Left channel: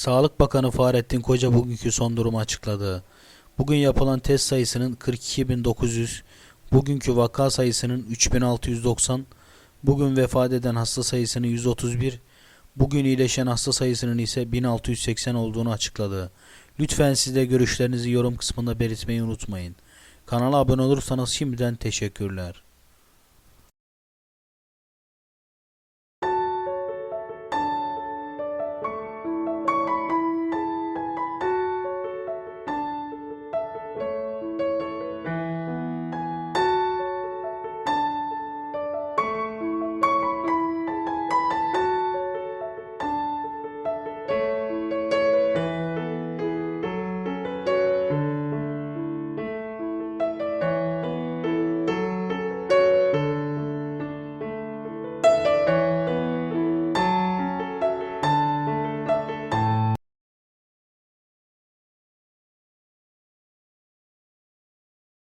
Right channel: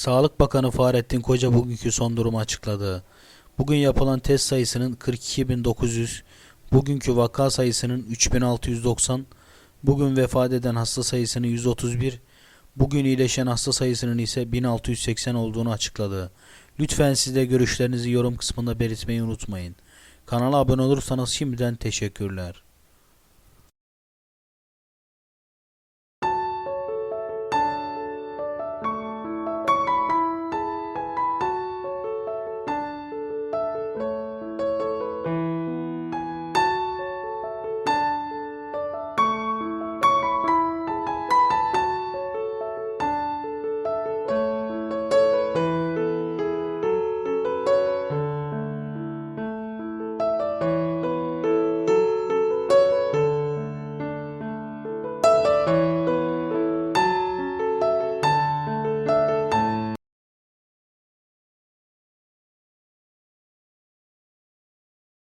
Sağlık Bakanı Fahrettin Koca bugünkü son durumu açıkladı. Bugün yapılan test sayısının 42.900, bugünkü vaka sayısının 3690, bugün vefat eden hasta sayısının 131, bugün iyileşen hasta sayısının ise 1680 olduğunu açıkladı. Lütfen siz de görüşlerinizi yorum kısmında belirtmeyi unutmayın. Kanala abone olursanız şimdiden teşekkürler.